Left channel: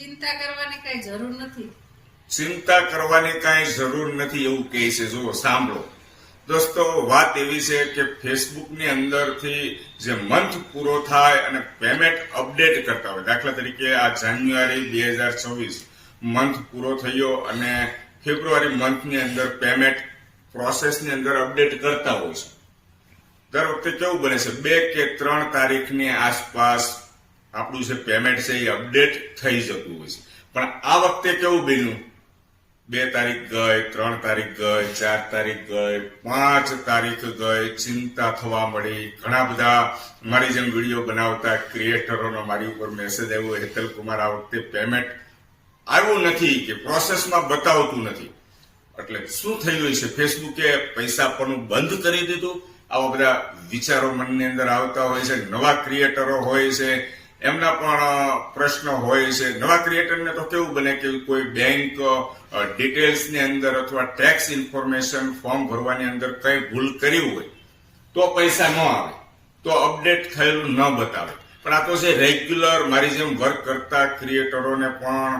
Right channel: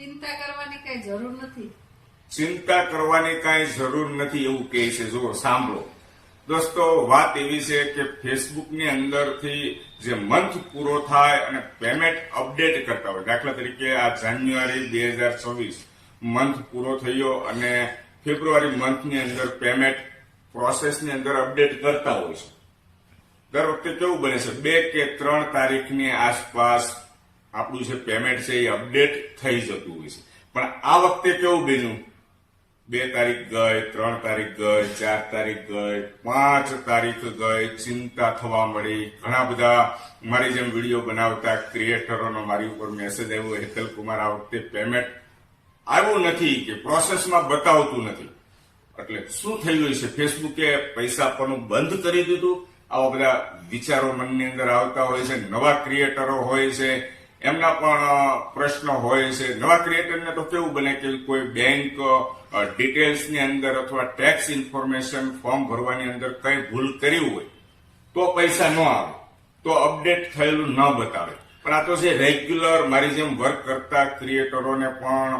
ચિંતા કરવાની કઈ જરૂર નથી. ચિંતા કરવાની કાંઈ જરૂર નથી એવું કહે છે. જુઓ, સાંભળો દોસ્તો, વાત એવી છે કે ફેસબુકની અંદરથી જે મંથ પૂરો થાય અને પેમેન્ટ અપડેટ કરતા હોય, દાખલા તરીકે આ જાન્યુઆરી 2024 મંથ પૂરો થયો અને ફેબ્રુઆરી મંથની અંદર પેમેન્ટ પ્રોસેસની અંદર અપડેટ કરતા હોય છે. દર વખતે કેવું બને છે, 2 કે 3 તારીખની આસપાસ આપણું જે પેમેન્ટ છે એ અપડેટ થઈ જતું હોય છે. પણ આ વખતે કેવું બન્યું, 2 તારીખ ગઈ, 3 તારીખ ગઈ, 4 તારીખ ગઈ, 5 તારીખ ગઈ, ચિંતા થવા મળી. ઘણા બધા મારી જેમ વિડીયો બનાવતા ક્રિએટરોનો મારી ઉપર મેસેજ આવ્યો, હેતલ કુમાર આ વખતે પેમેન્ટ આવ્યું નથી કે પ્રોસેસમાં બતાવતું નથી. એટલે શું થયું છે, ફેસબુકે પૈસા આપવાનું બંધ કરી દીધું? આવા બધા વિચારો મનની અંદર આવતા હોય છે. નવા ક્રિએટરો હોય છે, એમના પણ પ્રશ્નો હોય છે. નવા ક્રિએટરને તો કેવું બને કે કોઈ બેંક ડિટેલ્સની અંદર અથવા ટેક્સ ઇન્ફોર્મેશન ફોર્મ ભરવાની અંદર કઈ ભૂલ કરી હોય તો પૈસા ન આવે, તો અપડેટ થયેલું ન બતાવે. પણ આ તો છે રેગ્યુલર મારી જેમ વર્ક કરતા ક્રિએટરોને પણ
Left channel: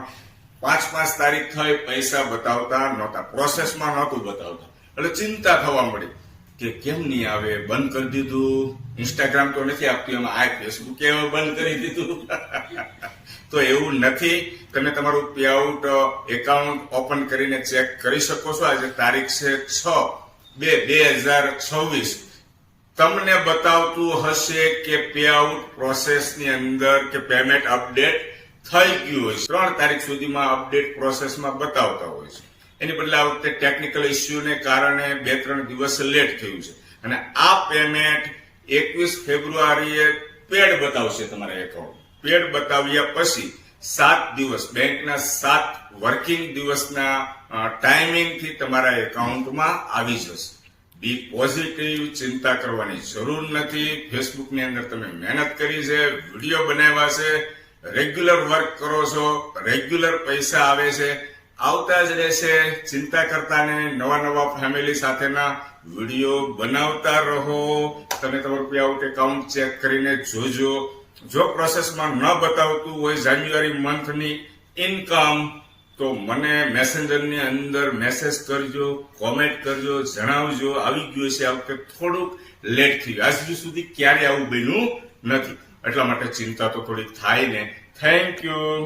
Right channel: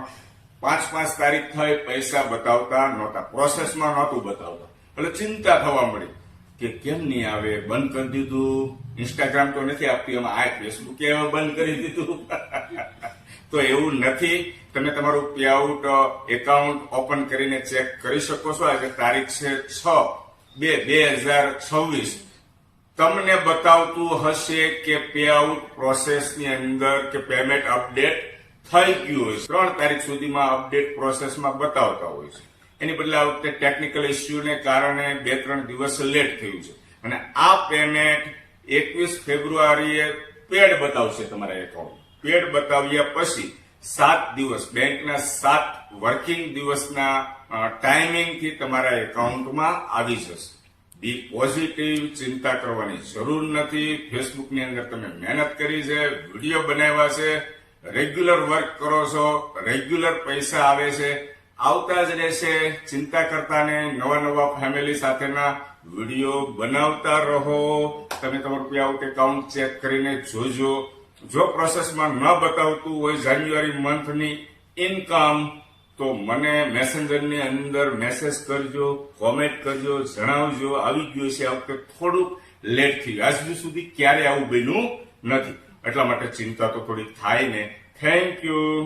5 તારીખ થઈ પૈસા બતાવતા નહોતા, પ્રોસેસમાં નહોતું બતાવતા. એટલે ચિંતા થવા મળી કે કેમ નહીં આવે, બંધ કરી દીધું. ઇન્સ્ટાગ્રામ તો નથી આપતી, એમાં આ ફેસબુકે બંધ કરી દીધું. તો એવું નથી. તમે તમારું પે આઉટ એકાઉન્ટ ઓપન કરીને ચેક કરી શકો છો. આજે તારીખ છે 6/2/2026. તમને બતાવતું હશે કે પે આઉટ પ્રોસેસની અંદર કે પેમેન્ટ અપડેટ થઈ ગયું હોય છે. 3 તારીખ સુધીમાં અપડેટ પ્રોસેસમાં બતાવતા હોય છે. એની બદલે આ વખતે ટેકનિકલ ઇસ્યુને કારણે 2-3 દિવસ લેટ થયું છે. અને આ પેમેન્ટ 21 ફેબ્રુઆરીએ પેડ બતાવશે તમારા એકાઉન્ટ. પેડ બતાવ્યા પછી 7 દિવસ, બેંકના 7 વર્કિંગ દિવસના ટાઈમિંગથી તમારા એકાઉન્ટમાં આવી જશે. બી પોઝિટિવ, ચિંતા કરવાની જરૂર નથી. ફેસબુકની અંદર તમે મહેનત કરી છે, વિડીયો બનાવ્યા છે, રેગ્યુલર વર્ક કરો છો, રેગ્યુલર પૈસા આવે છે, આવતા જ રહેશે. ચિંતા કરતા નહીં, નવા ફેમિલી સાથેના વિડીયો બનાવતા રહો. તમે તમારું પે આઉટ એકાઉન્ટ ચેક કરીને જોજો. જો પ્રોસેસમાં ન બતાવતું હોય જાન્યુઆરી મંથની ઇન્કમ, તો મને મેસેન્જરની અંદર મેસેજ કરજો, કોમેન્ટ કરજો, જણાવજો આવી ગયું છે. આ વખતે થોડુંક લેટ થયું, આજ સુધી ક્યારે આવું બન્યું નથી. એટલા માટે ચિંતા તો થોડીક થાય ને. Thank you.